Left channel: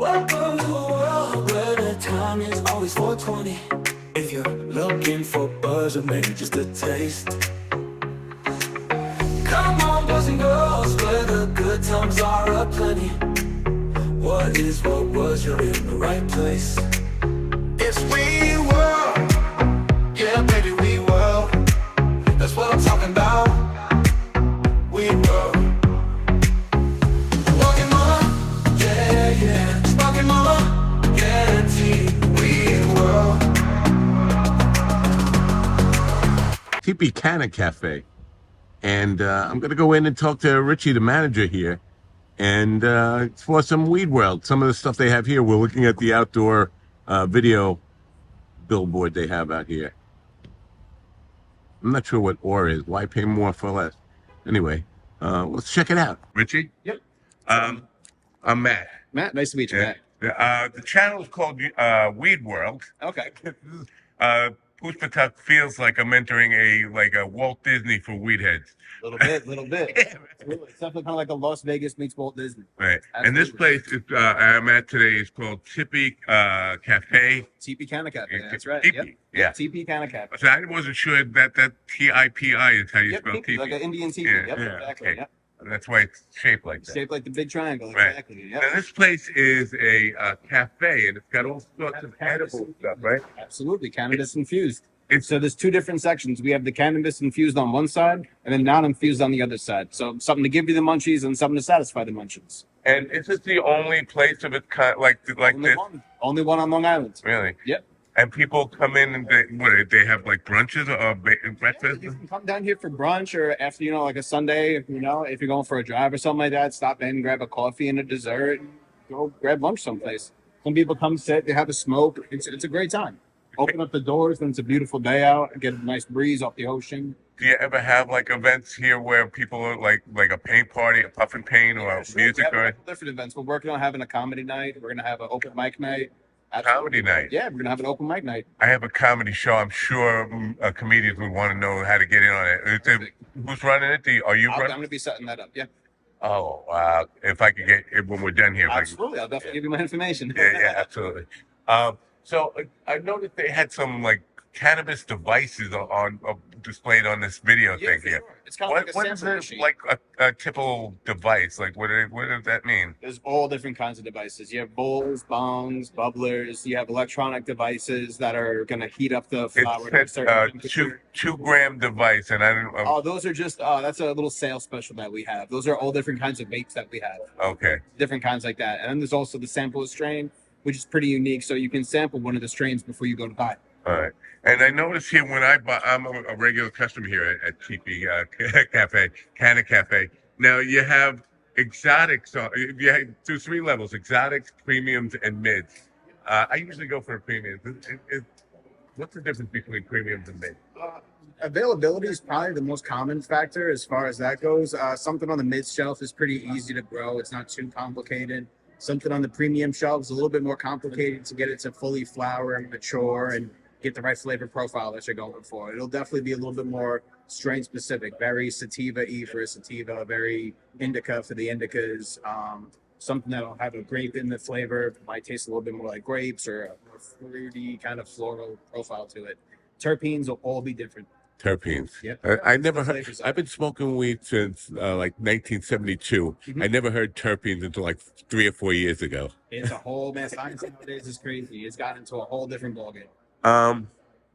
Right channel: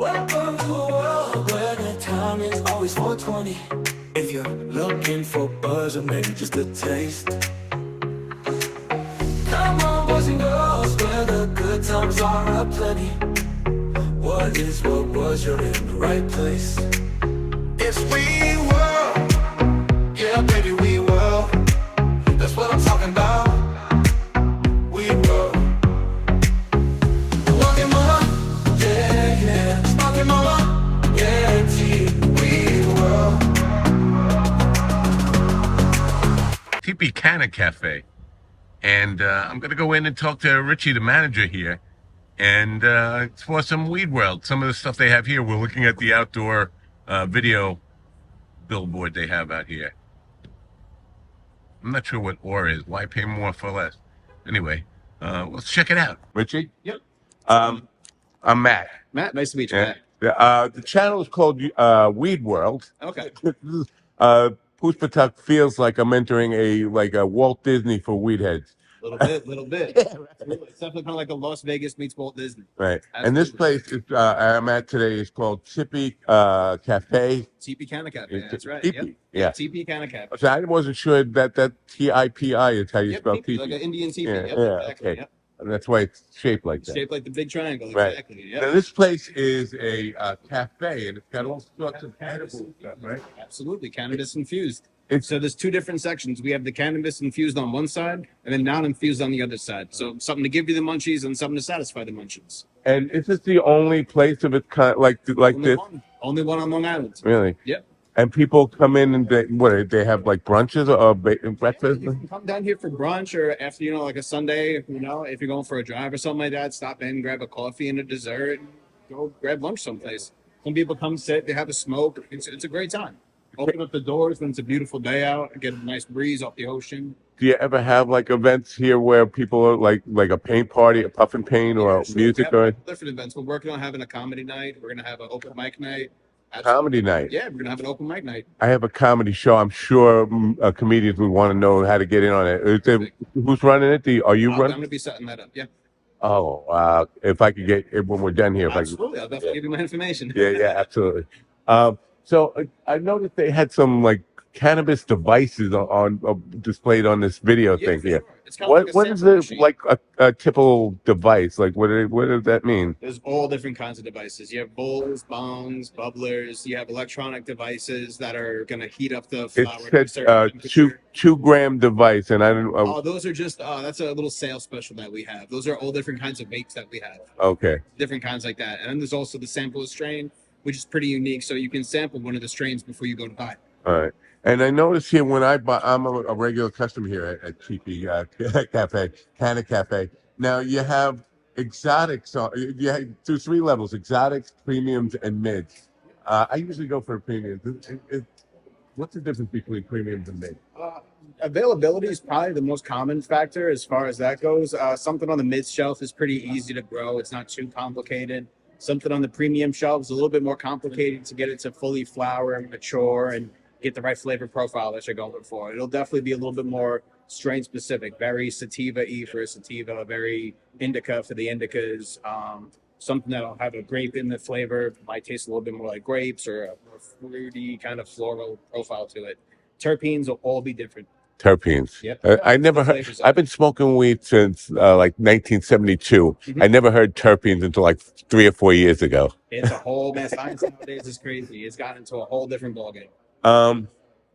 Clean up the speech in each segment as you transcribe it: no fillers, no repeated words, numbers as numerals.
Welcome to a world where the time is always 420. If you're looking for buzz or maybe just a taste, come on boys and girls, where the good times are aplenty. What is, what was, you're in the right place. It's we world, yeah baby we world. That's what I'm talking about. We world. Walking mama, yeah, yeah. Sparking mama, yeah, T. We world. Tipi Canna Cafe. And I'm going to go in and talk to Richie, the manager here. And it's for some Weed World. Some of the stuff they have here. We're looking at the outdoor video billboard they have out here. I'm not sure what ore is. Why pay more for less? Anyway, let's check it out. Richie? Yep. I'm Matt. Matt, nice to meet you, Matt. The channel is called Weed World. Okay. Poospatuck feels like I'm entering a Walt Disney for weed heads. Little bit. Yeah, Absolutely. It's definitely kind of like a Las Vegas meets Walt Disney. right. Absolutely. And this place is I'm at today is called Tipi Cafe. Tipi Canna Cafe. That's right. Tipi. Yep. Yeah. Tipi Canna Cafe. So I wasn't sure that Tipi is how you Yep. spell Tipi, Tipi. like an Indian tipi. Yeah, Yep. yeah, Exactly. okay. Yep. And that's why it's shaped like that. Shaped like the big triangle. Right. Exactly. Yep. Now, this place is a cafe, and it's got all sorts of edible stuff, right? Absolutely. Cannabis infused. It's So there's two different sections. We have the cannabis infused on one side and then non-infused on the other side. So something to give you the munchies and something to satisfy the munchies. and is this the only place of its kind like Only this? Only one on Long Island. Really? Yep. And people come in and they have like brunches or breakfast? You can come down here for brunch or after, like a Sunday, if you're going for a drive or something like that, stop in, grab a coffee and a dessert, and go grab lunch someplace. Some people come sit, they have a smoke. It's a great time. Open up the doors when it's a beautiful day out, get a nice breeze off the ocean. Do you ever have like events here where people are like a paint party, a puff and paint, or Yeah, sure. music We have or different events. We're working on having a comedy night. We're going to have an open mic night. comedy night? Yeah, we're going to have an open mic night. I have a comedy show. I'm sure comedians would want to know how to get in on it. Who's running it? Are you I'm running? going to be setting that up. Yeah, Oh, if I could get it when we're done here. If I could, absolutely. I'll definitely give you my information. yeah, absolutely. So I noticed they had some like cannabis devices on displayed on this video Yeah, thing for here. sure. It's kind of like a What is sample it machine. like a typical device? Like what does that mean? There's all different kinds of devices. You have bowls, bongs, bubblers. You have electronic devices that are going to heat up the flower to a It's certain a temperature. 2 gram device, and I didn't. Oh, those are just, that's a little sales special that we have. Those are all different kinds of vapes that we have. Okay. Different kinds like that. And then there's also the sample strain, which is pretty unique. So you can sample one of the strains before you go to buy it. All right. And I noticed here when I buy, I'm a regular customer here at Tipi Cafe, Canna Cafe. Now you have exotics. You have 3 levels: exotics, premiums, and mids. I usually go for the premiums. What's the difference between premiums and mids? Availability is probably the most common factor as far as that goes. Something on the mid shelf is pretty easy to grow. It's not too complicated. Something on the premium shelf is a little bit more complicated to get it to fully flower and mature and get the right flavor profile that you're going for. It'll definitely be a little bit more strain specific, very sativa-y for a sativa, very indica for the indicas. Something that'll have a grape in the flavor, might taste a little bit more like grapes or a more fruity kind of floral profile to it. Terpenes will all be different. Terpenes. Yep. I never heard. Flavors of I've been smoking weed since like 1972. Mhm. I never heard terpenes until like 3 or 4 years ago. It's a whole man. Science nowadays is crazy. It's gotten into a whole different ballgame.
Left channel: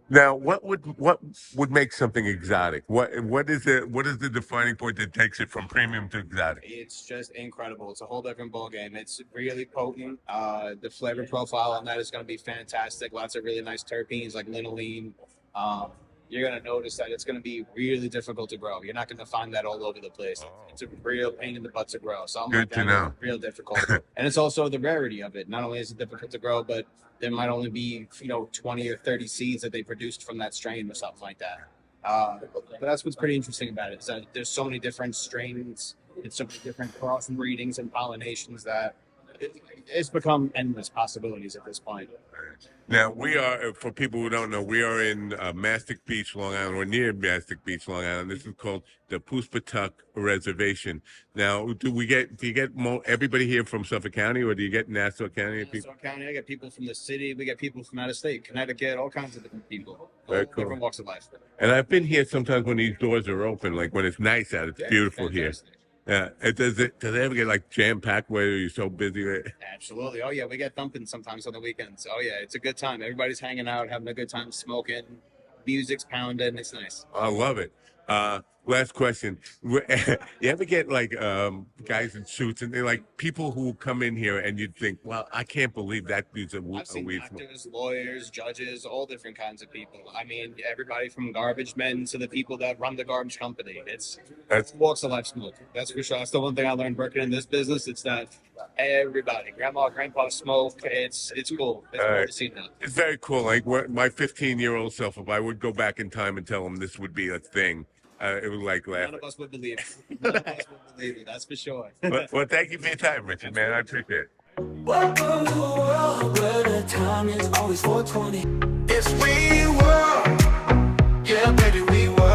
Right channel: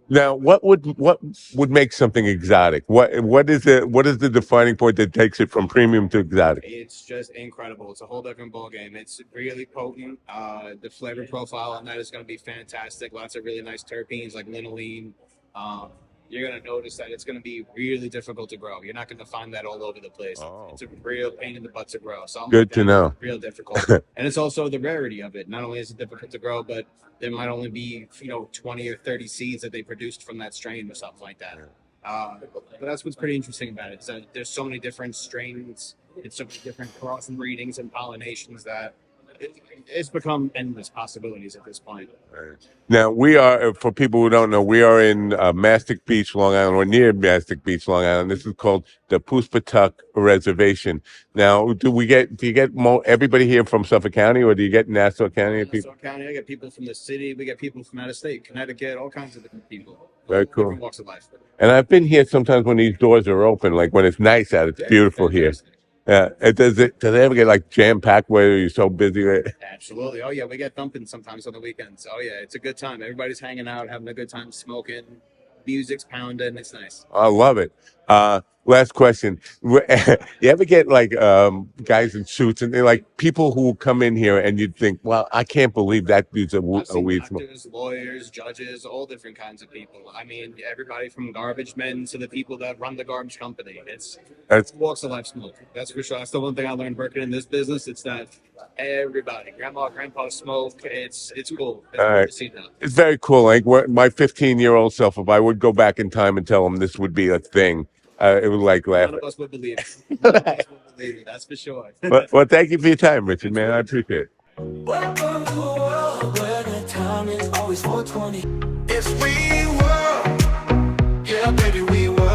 Now, what would make something exotic? What is the defining point that takes it from premium to exotic? It's just incredible. It's a whole different ballgame. It's really potent. The flavor profile on that is going to be fantastic. Lots of really nice terpenes like linolene. You're going to notice that it's going to be really difficult to grow. You're not going to find that all over the place. Oh. It's a real pain in the butt to grow. So Good to know. Real difficult. And it's also the rarity of it. Not only is it difficult to grow, but there might only be 20 or 30 seeds that they produced from that strain or something like that. But that's what's pretty interesting about it. Is that there's so many different strains and so many different cross breedings and pollinations that It's become endless possibilities at this point. Now we are, for people who don't know, we are in Mastic Beach, Long Island, or near Mastic Beach, Long Island. This is called the Poospatuck Reservation. Now, do you get everybody here from Suffolk County, or do you get Nassau County people? Nassau County, I get people from the city. We get people from out of state, Connecticut, all kinds of different people. Very cool. Different walks of life. And I've been here sometimes when these doors are open, like when it's nice out. It's beautiful fantastic. here. Yeah. Does it ever get like jam packed where you're so busy? Absolutely. Oh yeah, we get thumping sometimes on the weekends. Oh yeah, it's a good time. Everybody's hanging out, having a good time, smoking, music's pounding. It's nice. I love it. Last question. You ever get like guys in suits and they're like people who come in here and you'd think, well, I can't believe that dude's a weed smoker. Doctors, lawyers, judges, all different kinds of people. I mean, everybody from garbage men to the people that run the garbage company. It's walks of life smoke. That's for sure. That's the one thing I learned working in this business. It's that everybody, grandma, grandpa smoke. It's cool. It's cool to see now. It's very cool. Like my 15-year-old self, if I would go back in time and tell them this would be a thing, it would like laugh. None of us would believe it. None of us would believe it. That's for sure. Well, thank you for your time, Richard, man. I appreciate it. Welcome to a world where the time is always 420. It's we world. Yeah, baby, we world.